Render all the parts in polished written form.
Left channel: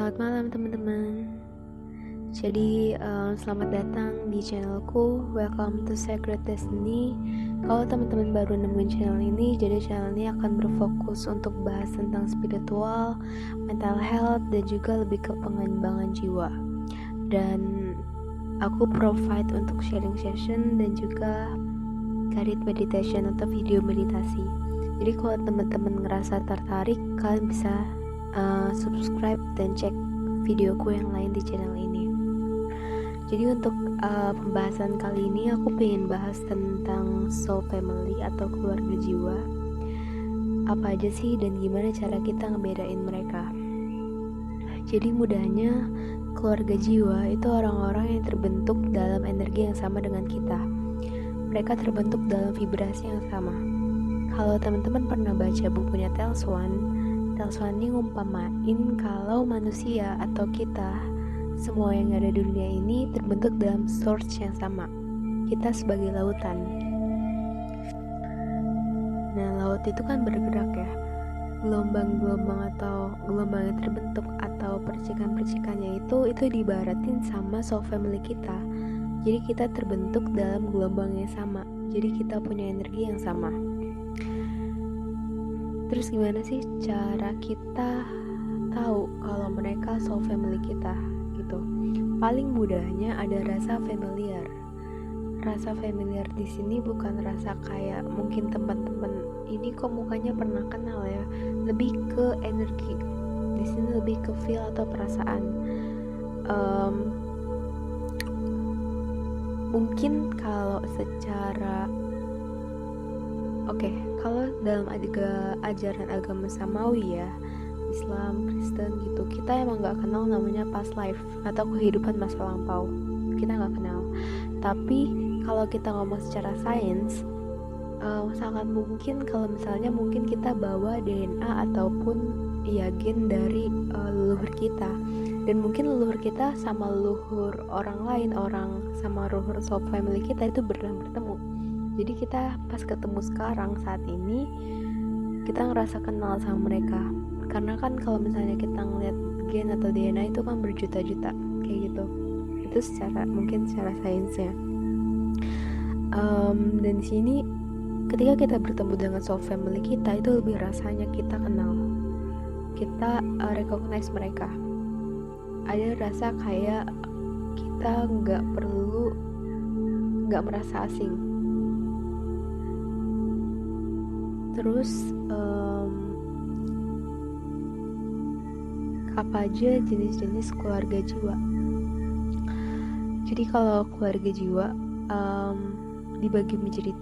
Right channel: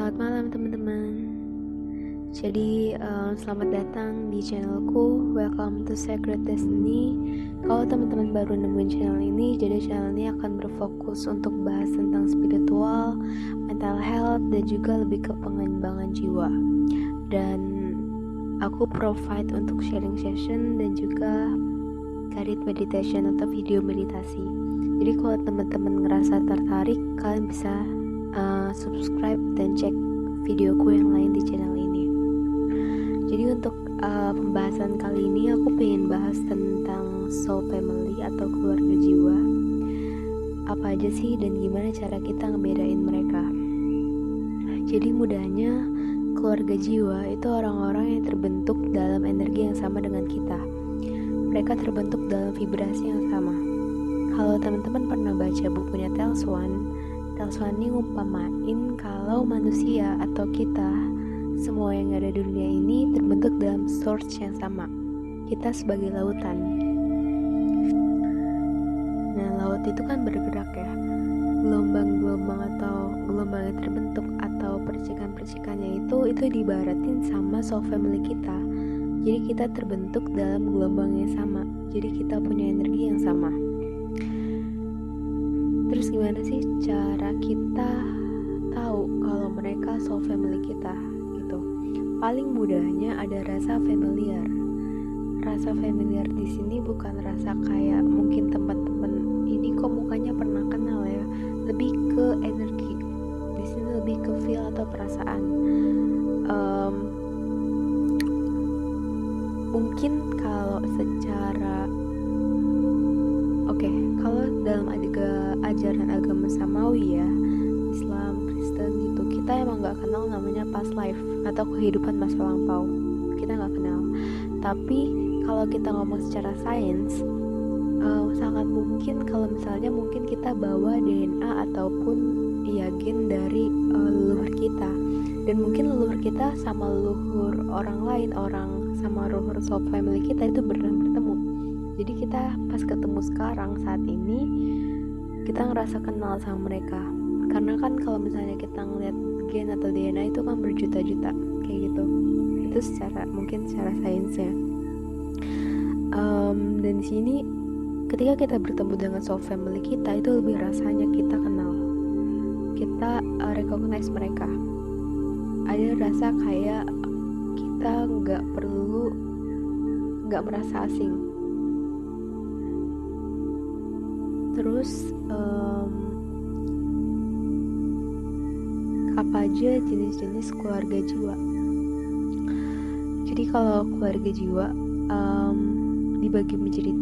Selamat malam teman-teman. Jadi selamat datang di channelku. Welcome to Sacred Destiny. Kalau teman-teman baru nemuin channel ini, jadi channel ini akan berfokus untuk bahas tentang spiritual, mental health, dan juga lebih ke pengembangan jiwa. Dan aku provide untuk sharing session dan juga guided meditation atau video meditasi. Jadi kalau teman-teman ngerasa tertarik, kalian bisa subscribe dan cek videoku yang lain di channel ini. Jadi untuk pembahasan kali ini aku pengen bahas tentang soul family atau keluarga jiwa. Apa aja sih dan gimana cara kita ngebedain mereka? Jadi mudahnya, keluarga jiwa itu orang-orang yang terbentuk dalam energi yang sama dengan kita. Mereka terbentuk dalam vibrasi yang sama. Kalau teman-teman pernah baca bukunya Tales One ini ngumpamain kalau manusia atau kita, semua yang ada di dunia ini terbentuk dalam source yang sama. Kita sebagai lautan. Nah, laut itu kan bergerak ya. Gelombang-gelombang atau gelombang yang terbentuk atau percikan-percikannya itu diibaratin sama soul family kita. Jadi kita terbentuk dalam gelombang yang sama. Jadi kita punya energi yang sama. Terus gimana sih cara kita tahu kalau mereka soul family kita gitu? Paling mudahnya ada rasa familiar. Rasa familiar di sini bukan rasa kayak mungkin teman-teman ini kok mukanya pernah kenal ya. Lebih ke energi. Di sini lebih ke feel atau perasaan. Mungkin kalau secara kalau dalam ajaran agama Samawi ya, Islam, Kristen gitu, kita emang gak kenal namanya past life atau kehidupan masa lampau. Kita gak kenal. Tapi kalau kita ngomong secara sains, sangat mungkin kalau misalnya mungkin kita bawa DNA ataupun gen dari leluhur kita. Dan mungkin leluhur kita sama leluhur orang lain, sama leluhur soul family kita itu pernah bertemu. Jadi kita pas ketemu sekarang saat ini, kita ngerasa kenal sama mereka. Karena kan kalau misalnya kita ngeliat gen atau DNA itu kan berjuta-juta kayak gitu. Itu secara sainsnya. Dan di sini ketika kita bertemu dengan soul family kita, itu lebih rasanya kita kenal. Kita recognize mereka. Ada rasa kayak kita nggak merasa asing. Terus apa aja jenis-jenis keluarga jiwa? Jadi kalau keluarga jiwa dibagi menjadi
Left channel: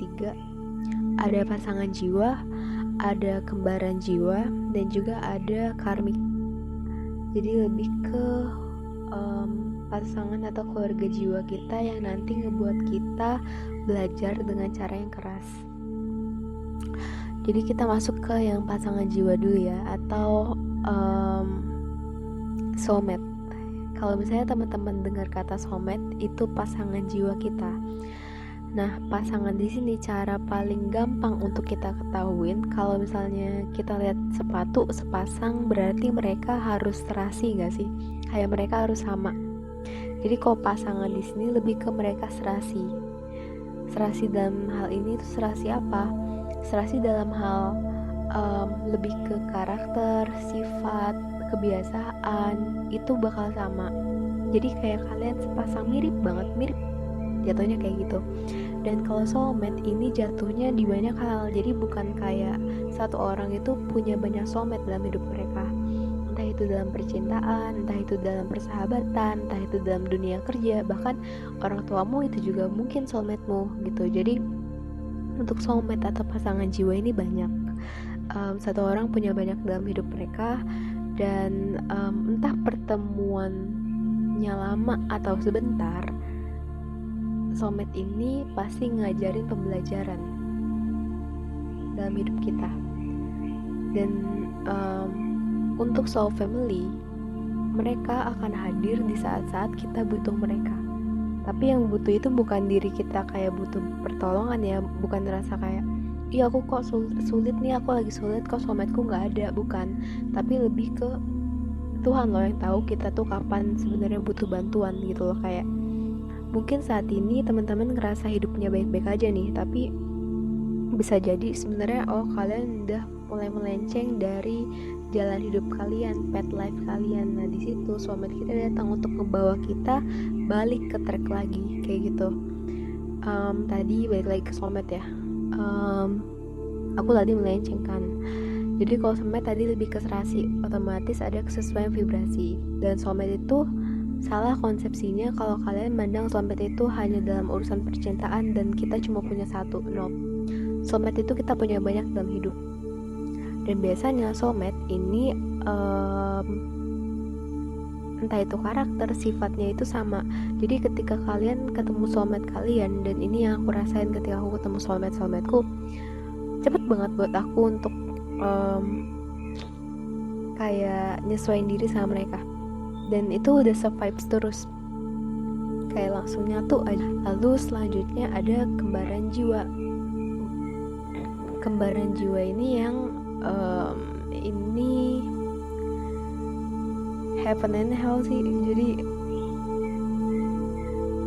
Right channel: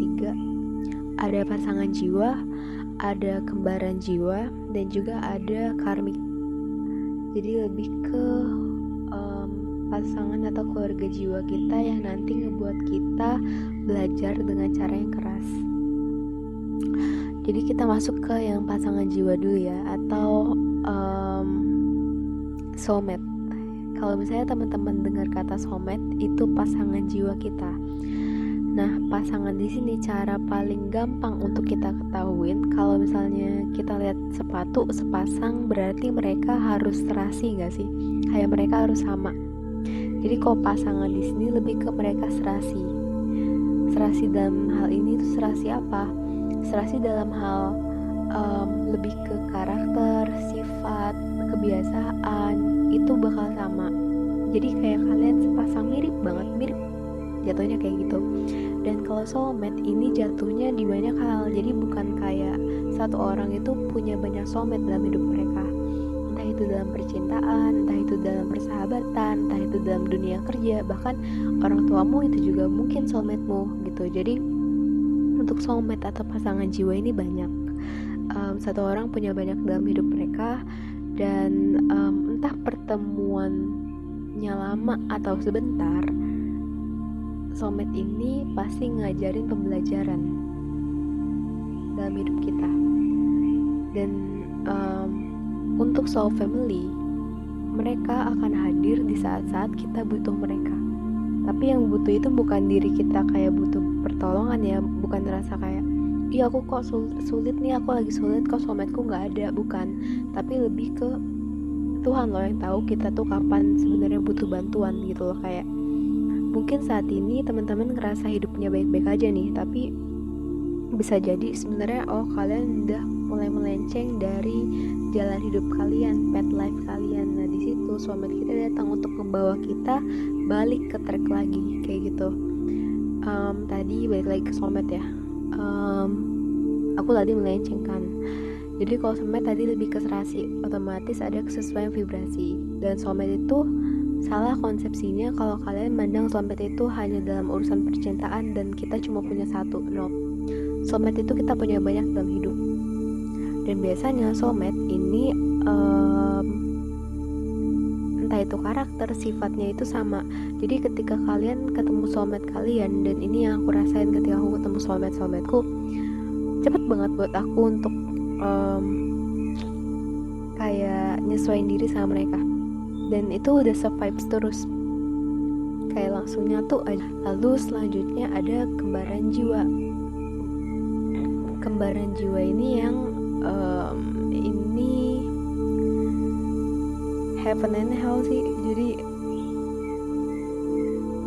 3. Ada pasangan jiwa, ada kembaran jiwa, dan juga ada karmik. Jadi lebih ke pasangan atau keluarga jiwa kita yang nanti ngebuat kita belajar dengan cara yang keras. Jadi kita masuk ke yang pasangan jiwa dulu ya, atau soulmate. Kalau misalnya teman-teman dengar kata soulmate, itu pasangan jiwa kita. Nah, pasangan di sini cara paling gampang untuk kita ketahuin, kalau misalnya kita lihat sepatu sepasang, berarti mereka harus serasi nggak sih? Kayak mereka harus sama. Jadi kalau pasangan di sini lebih ke mereka serasi. Serasi dalam hal ini itu serasi apa? Serasi dalam hal lebih ke karakter, sifat, kebiasaan, itu bakal sama. Jadi kayak kalian sepasang mirip jatuhnya kayak gitu. Dan kalau soulmate ini jatuhnya di banyak hal. Jadi bukan kayak satu orang itu punya banyak soulmate dalam hidup mereka. Entah itu dalam percintaan, entah itu dalam persahabatan, entah itu dalam dunia kerja, bahkan orang tuamu itu juga mungkin soulmate-mu gitu. Jadi untuk soulmate atau pasangan jiwa ini banyak. Satu orang punya banyak dalam hidup mereka. Dan entah pertemuannya lama atau sebentar, soulmate ini pasti ngajarin pembelajaran dalam hidup kita. Dan untuk soul family, mereka akan hadir di saat-saat kita butuh mereka. Tapi yang butuh itu bukan diri kita kayak butuh pertolongan ya, bukan rasa kayak iya aku kok sulit nih, aku lagi sulit kok soulmateku nggak ada, bukan. Tapi lebih ke Tuhan loh yang tahu kita tuh kapan sebenarnya butuh bantuan gitu loh. Kayak mungkin saat ini teman-teman ngerasa hidupnya baik-baik aja nih, tapi bisa jadi sebenarnya kalian udah mulai melenceng dari jalan hidup kalian, path life kalian. Nah di situ soulmate kita datang untuk membawa kita balik ke track lagi kayak gitu. Tadi balik lagi ke soulmate ya. Aku tadi melenceng kan. Jadi kalau soulmate tadi lebih ke serasi, otomatis ada kesesuaian vibrasi. Dan soulmate itu salah konsepsinya kalau kalian mandang soulmate itu hanya dalam urusan percintaan dan kita cuma punya satu. No, soulmate itu kita punya banyak dalam hidup. Dan biasanya soulmate ini entah itu karakter, sifatnya itu sama. Jadi ketika kalian ketemu soulmate kalian, dan ini yang aku rasain ketika aku ketemu soulmateku, cepet banget buat aku untuk kayak nyesuaiin diri sama mereka. Dan itu udah se-vibes terus, kayak langsung nyatu aja. Lalu selanjutnya ada kembaran jiwa. Kembaran jiwa ini yang ini heaven and hell sih. Jadi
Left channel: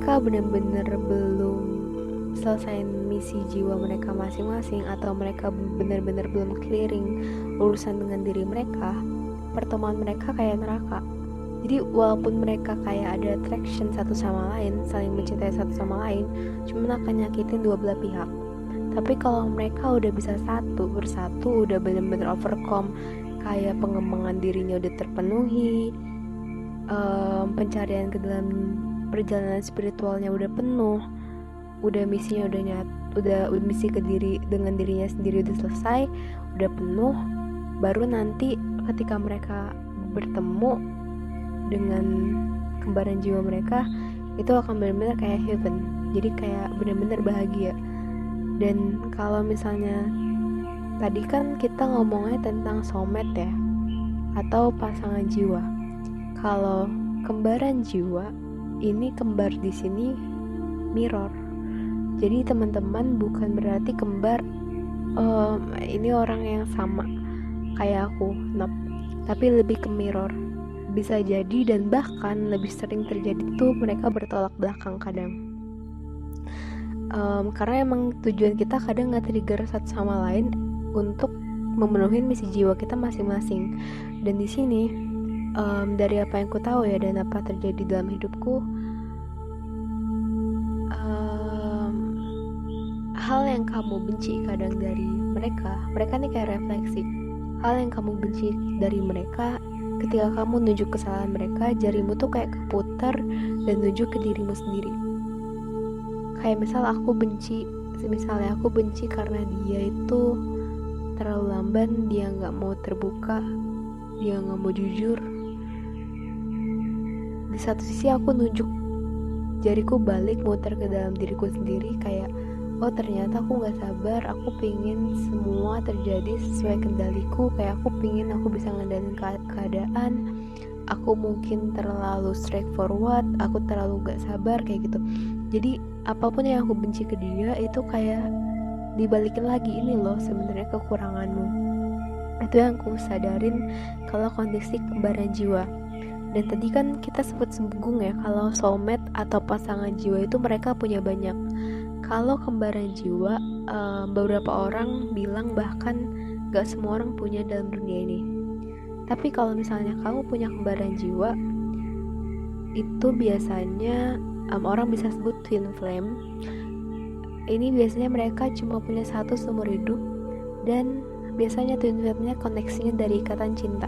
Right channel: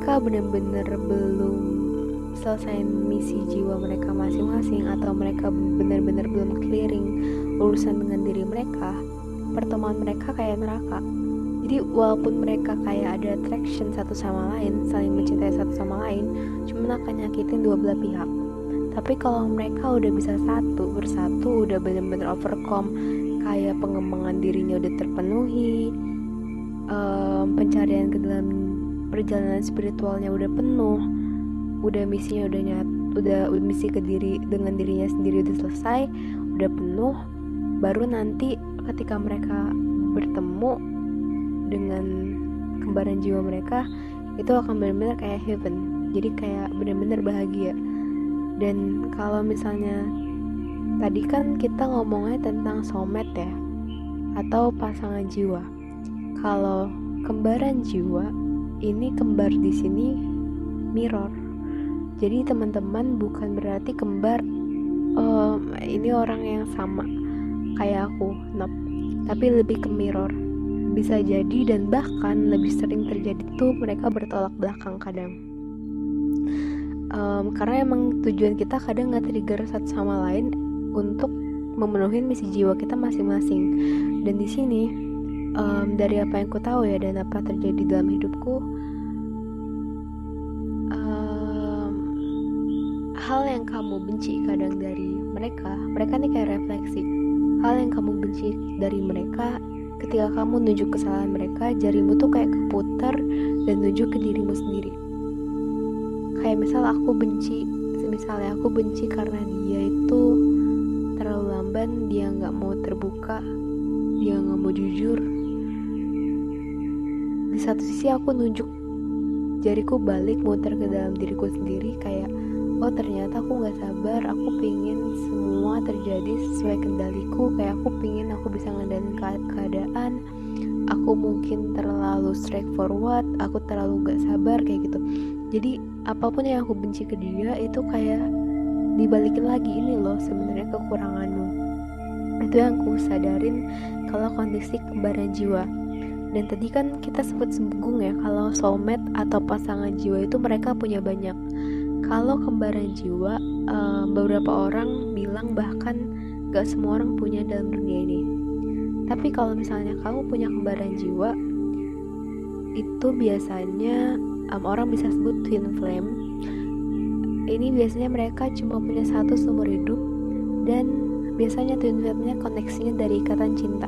kak bener-bener belum selesai misi jiwa mereka masing-masing, atau mereka bener-bener belum clearing urusan dengan diri mereka, pertemuan mereka kayak neraka. Jadi walaupun mereka kayak ada attraction satu sama lain, saling mencintai satu sama lain, cuma akan nyakitin dua belah pihak. Tapi kalau mereka udah bisa bersatu, udah bener-bener overcome, kayak pengembangan dirinya udah terpenuhi, pencarian ke dalam perjalanan spiritualnya udah penuh, udah misinya udah misi ke diri dengan dirinya sendiri udah selesai, udah penuh, baru nanti ketika mereka bertemu dengan kembaran jiwa mereka, itu akan benar-benar kayak heaven. Jadi kayak benar-benar bahagia. Dan kalau misalnya tadi kan kita ngomongnya tentang soulmate ya, atau pasangan jiwa. Kalau kembaran jiwa, ini kembar di sini mirror. Jadi teman-teman bukan berarti kembar ini orang yang sama kayak aku, tapi lebih ke mirror. Bisa jadi dan bahkan lebih sering terjadi tuh mereka bertolak belakang kadang. Karena emang tujuan kita kadang nggak trigger satu sama lain untuk memenuhi misi jiwa kita masing-masing. Dan di sini dari apa yang ku tahu ya dan apa terjadi dalam hidupku, hal yang kamu benci kadang dari mereka nih kayak refleksi. Hal yang kamu benci dari mereka, ketika kamu nunjuk kesalahan mereka, jarimu tuh kayak keputar dan nunjuk ke dirimu sendiri. Kayak misalnya aku benci karena dia itu terlalu lamban, dia nggak mau terbuka, dia nggak mau jujur. Di satu sisi aku nunjuk jariku balik, muter ke dalam diriku sendiri, kayak ternyata aku nggak sabar, aku pingin semua terjadi sesuai kendaliku, kayak aku pingin aku bisa ngendalin keadaan, aku mungkin terlalu straightforward, aku terlalu nggak sabar kayak gitu. Jadi apapun yang aku benci ke dia itu kayak dibalikin lagi, ini loh sebenarnya kekuranganmu. Itu yang aku sadarin kalau kondisi kembaran jiwa. Dan tadi kan kita sempat singgung ya, kalau soulmate atau pasangan jiwa itu mereka punya banyak. Kalau kembaran jiwa, beberapa orang bilang bahkan gak semua orang punya dalam dunia ini. Tapi kalau misalnya kamu punya kembaran jiwa, itu biasanya orang bisa sebut twin flame. Ini biasanya mereka cuma punya satu seumur hidup, dan biasanya twin flame-nya koneksinya dari ikatan cinta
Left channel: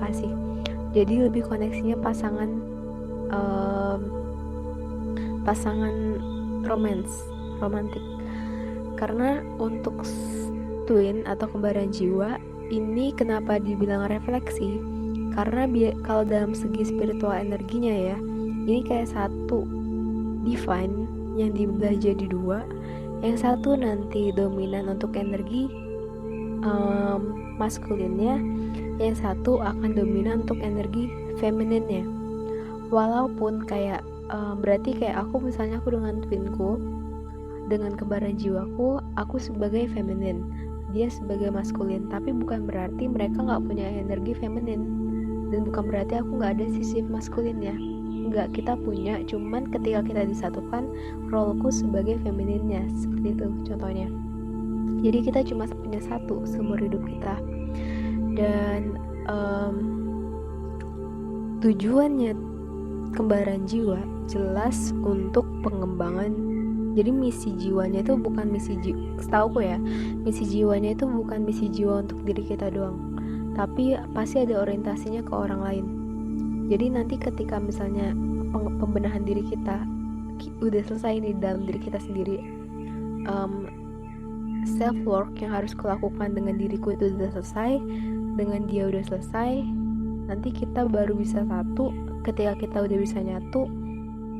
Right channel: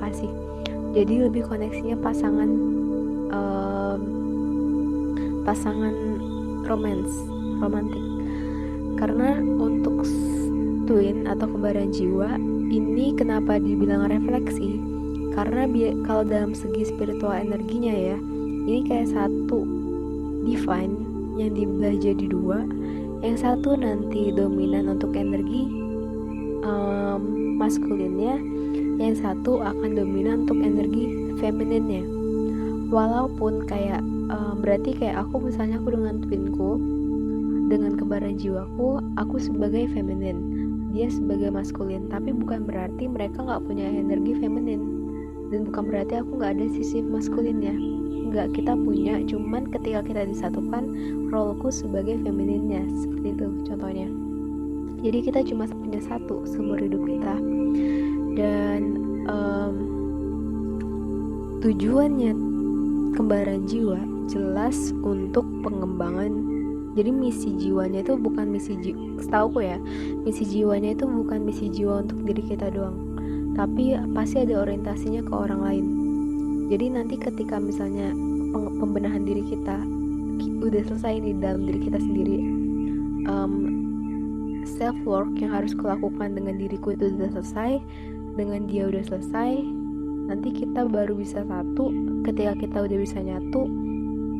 kasih. Jadi lebih koneksinya pasangan romantik. Karena untuk twin atau kembaran jiwa ini kenapa dibilang refleksi? Karena kalau dalam segi spiritual energinya ya, ini kayak satu divine yang dibelah jadi dua. Yang satu nanti dominan untuk energi maskulinnya, yang satu akan dominan untuk energi femininnya. Walaupun kayak berarti kayak aku misalnya aku dengan twinku, dengan kembaran jiwaku, aku sebagai feminin, dia sebagai maskulin, tapi bukan berarti mereka nggak punya energi feminin. Dan bukan berarti aku nggak ada sisi maskulinnya, nggak, kita punya, cuman ketika kita disatukan, roleku sebagai femininnya, seperti itu contohnya. Jadi kita cuma punya satu seumur hidup kita. Dan tujuannya kembaran jiwa jelas untuk pengembangan. Jadi misi jiwanya itu bukan setauku ya, misi jiwanya itu bukan misi jiwa untuk diri kita doang, tapi pasti ada orientasinya ke orang lain. Jadi nanti ketika misalnya pembenahan diri kita udah selesai nih dalam diri kita sendiri, self work yang harus kulakukan dengan diriku itu udah selesai, dengan dia udah selesai, nanti kita baru bisa satu. Ketika kita udah bisa nyatu,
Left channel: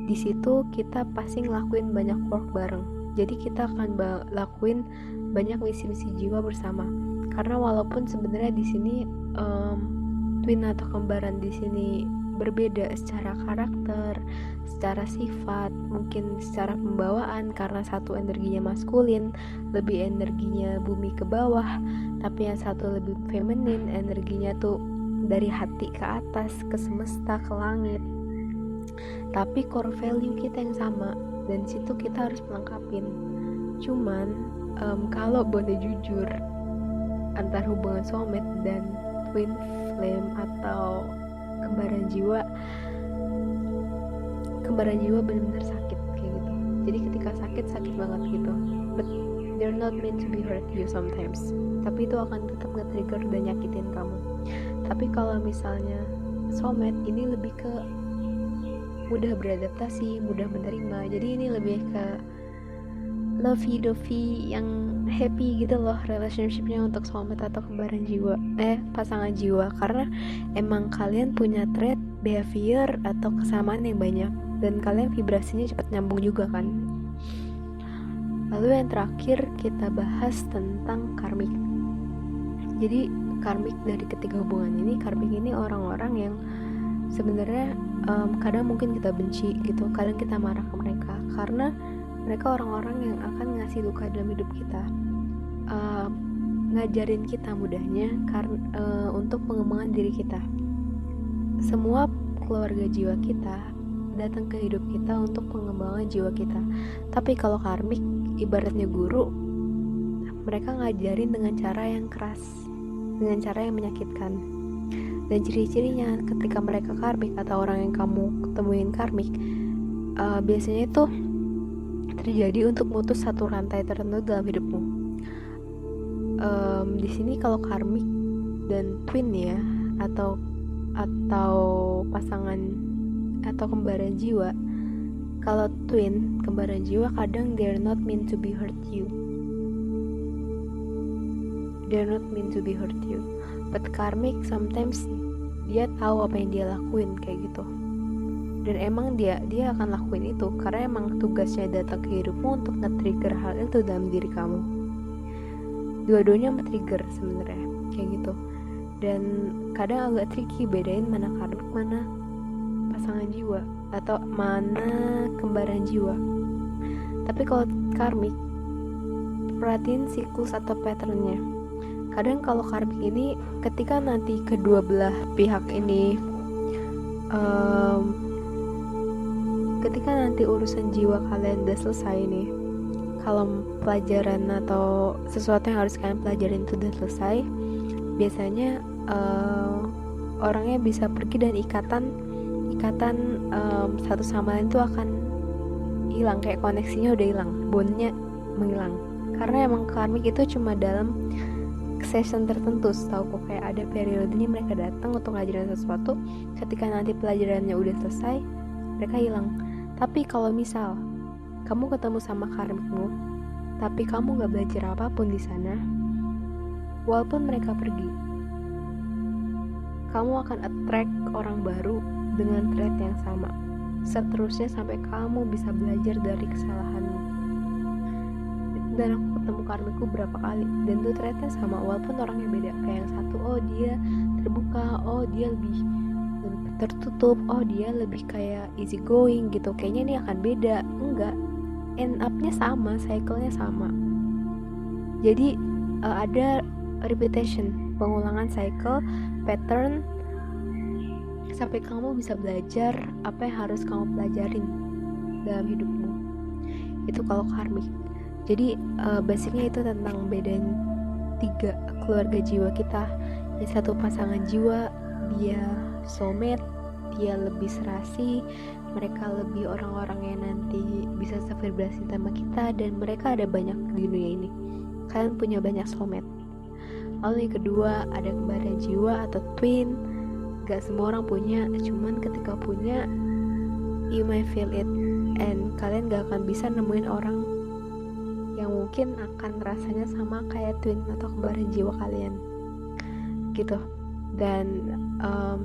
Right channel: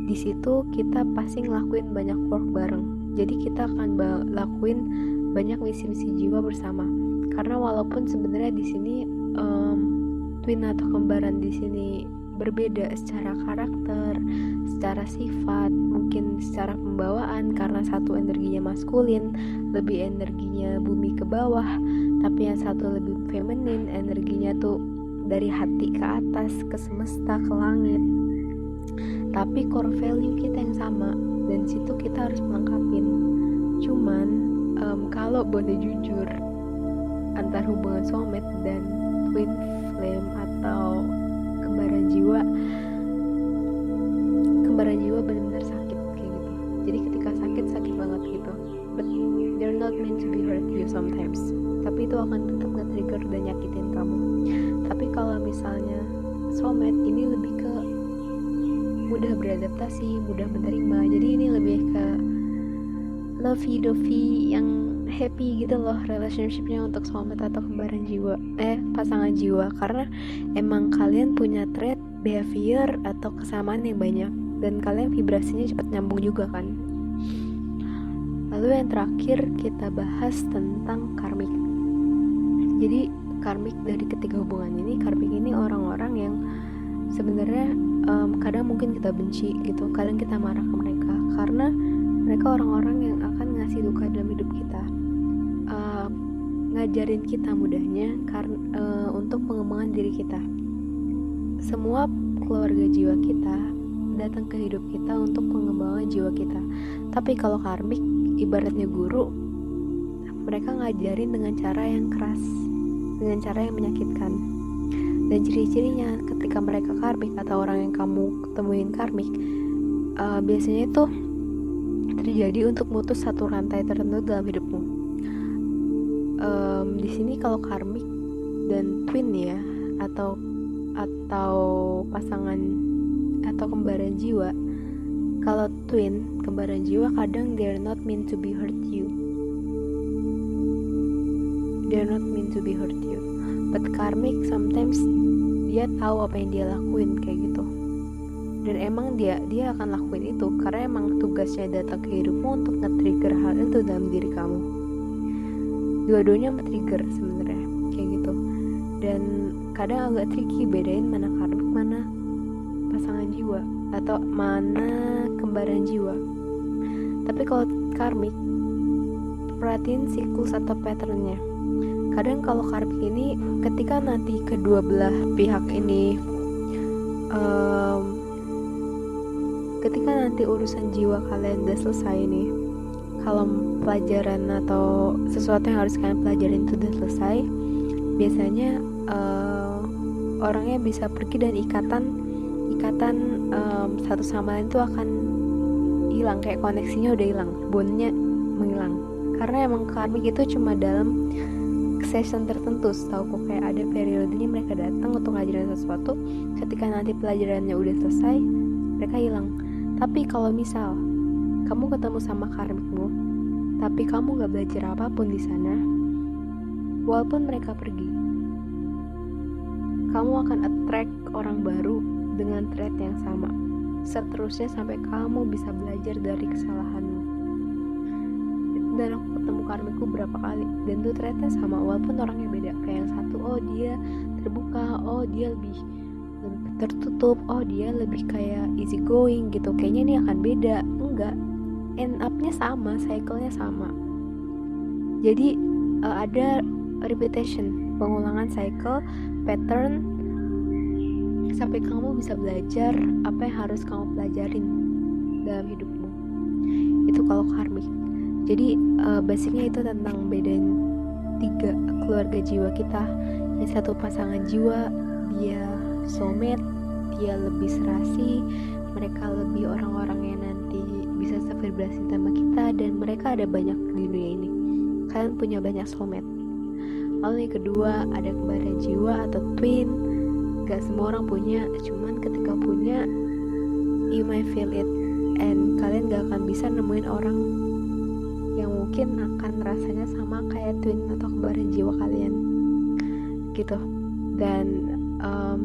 di situ kita pasti ngelakuin banyak work bareng. Jadi kita akan lakuin banyak misi-misi jiwa bersama. Karena walaupun sebenarnya di sini twin atau kembaran di sini berbeda secara karakter, secara sifat, mungkin secara pembawaan, karena satu energinya maskulin, lebih energinya bumi ke bawah, tapi yang satu lebih feminin, energinya tuh dari hati ke atas, ke semesta, ke langit. Tapi core value kita yang sama, dan situ kita harus melengkapin. Cuman kalau boleh jujur, antar hubungan soulmate dan twin flame atau kembaran jiwa benar-benar sakit kayak gitu. Jadi ketika sakit banget gitu, but they're not meant to be hurt you sometimes. Tapi itu akan tetap nge-trigger dan nyakitin kamu. Tapi kalau misalnya soulmate ini lebih ke mudah beradaptasi, mudah menerima. Jadi ini lebih ke lovey-dovey yang happy gitu loh relationshipnya untuk soulmate atau kembaran jiwa, pasangan jiwa. Karena emang kalian punya trait, behavior atau kesamaan yang banyak, dan kalian vibrasinya cepat nyambung juga kan. Lalu yang terakhir kita bahas tentang karmik. Jadi karmik dari ketiga hubungan ini, karmik ini orang-orang yang sebenarnya kadang mungkin kita benci gitu, kadang kita marah ke mereka karena mereka orang-orang yang akan ngasih luka dalam hidup kita, ngajarin kita mudahnya untuk pengembangan diri kita. Semua keluarga jiwa kita datang ke hidup kita untuk pengembangan jiwa kita. Tapi kalau karmik ibaratnya guru, mereka ngajarin dengan cara yang keras, dengan cara yang menyakitkan. Dan ciri-cirinya ketika mereka karmik atau orang yang kamu ketemuin karmik, biasanya itu terjadi untuk mutus satu rantai tertentu dalam hidupmu. Di sini kalau karmik dan twin ya, atau pasangan atau kembaran jiwa. Kalau twin, kembaran jiwa, kadang they're not meant to be hurt you. They're not meant to be hurt you. But karmic sometimes dia tahu apa yang dia lakuin kayak gitu. Dan emang dia akan lakuin itu karena emang tugasnya datang ke hidupmu untuk nge-trigger hal itu dalam diri kamu. Dua-duanya men-trigger sebenarnya kayak gitu. Dan kadang agak tricky bedain mana karmik, mana pasangan jiwa atau mana kembaran jiwa. Tapi kalau karmik, perhatiin siklus atau patternnya. Kadang kalau karmik ini ketika nanti kedua belah pihak ini ketika nanti urusan jiwa kalian udah selesai nih, kalau pelajaran atau sesuatu yang harus kalian pelajarin itu udah selesai, biasanya orangnya bisa pergi dan ikatan satu sama lain itu akan hilang, kayak koneksinya udah hilang, bondnya menghilang. Karena emang karmik itu cuma dalam session tertentu, setahu kok, kayak ada periodenya mereka datang untuk ngajarin sesuatu, ketika nanti pelajarannya udah selesai mereka hilang. Tapi kalau misal kamu ketemu sama karmikmu tapi kamu gak belajar apapun di sana, walaupun mereka pergi, kamu akan attract orang baru dengan trait yang sama, seterusnya sampai kamu bisa belajar dari kesalahanmu. Dan aku ketemu karmikku berapa kali, dan tuh traitnya sama walaupun orangnya beda. Kayak yang satu, oh dia terbuka, oh dia lebih tertutup, oh dia lebih kayak easy going gitu, kayaknya ini akan beda. Enggak, end up-nya sama, cycle-nya sama. Jadi ada repetition, pengulangan cycle, pattern sampai kamu bisa belajar apa yang harus kamu pelajarin dalam hidupmu. Itu kalau karmik. Jadi basicnya itu tentang bedain 3 keluarga jiwa kita. Yang satu pasangan jiwa, dia soulmate, dia lebih serasi, mereka lebih orang-orang yang nanti bisa sevibrasi sama kita, dan mereka ada banyak di dunia ini. Kalian punya banyak soulmate. Lalu yang kedua ada kembaran jiwa atau twin. Gak semua orang punya, cuman ketika punya you might feel it, and kalian gak akan bisa nemuin orang yang mungkin akan rasanya sama kayak twin atau kembaran jiwa kalian gitu. Dan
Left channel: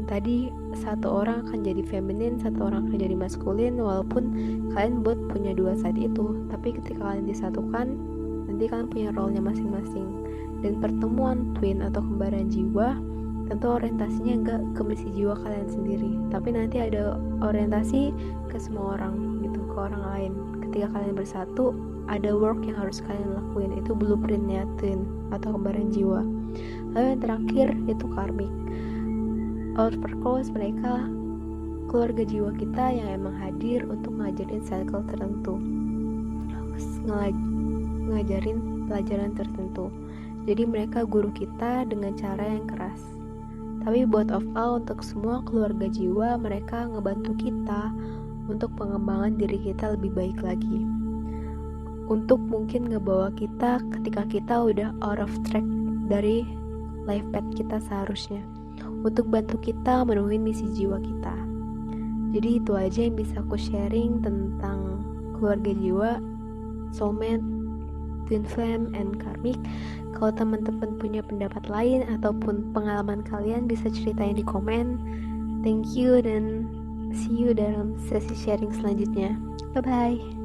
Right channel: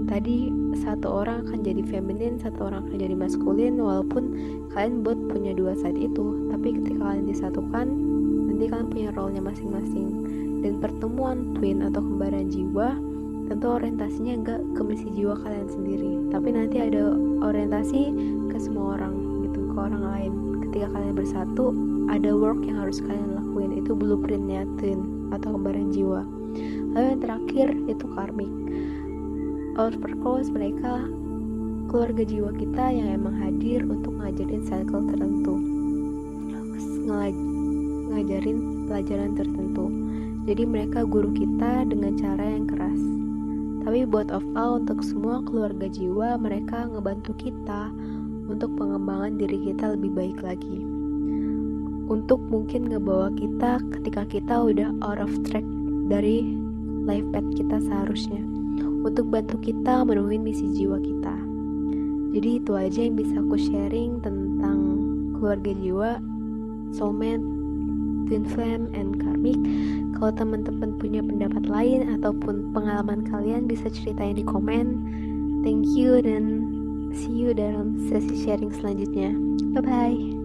tadi satu orang akan jadi feminin, satu orang akan jadi maskulin, walaupun kalian both punya 2 side itu, tapi ketika kalian disatukan nanti kalian punya role-nya masing-masing. Dan pertemuan twin atau kembaran jiwa tentu orientasinya enggak ke misi jiwa kalian sendiri, tapi nanti ada orientasi ke semua orang gitu, ke orang lain. Ketika kalian bersatu, ada work yang harus kalian lakuin, itu blueprintnya twin atau kembaran jiwa. Lalu yang terakhir itu karmik. Of course mereka keluarga jiwa kita yang emang hadir untuk ngajarin cycle tertentu, ngajarin pelajaran tertentu. Jadi mereka guru kita dengan cara yang keras. Tapi both of all, untuk semua keluarga jiwa, mereka ngebantu kita untuk pengembangan diri kita lebih baik lagi, untuk mungkin ngebawa kita ketika kita udah out of track dari life path kita seharusnya, untuk bantu kita menemukan misi jiwa kita. Jadi itu aja yang bisa aku sharing tentang keluarga jiwa, soulmate, twin flame, and karmic. Kalau teman-teman punya pendapat lain ataupun pengalaman kalian, bisa ceritain di komen. Thank you, dan see you dalam sesi sharing selanjutnya. Bye bye.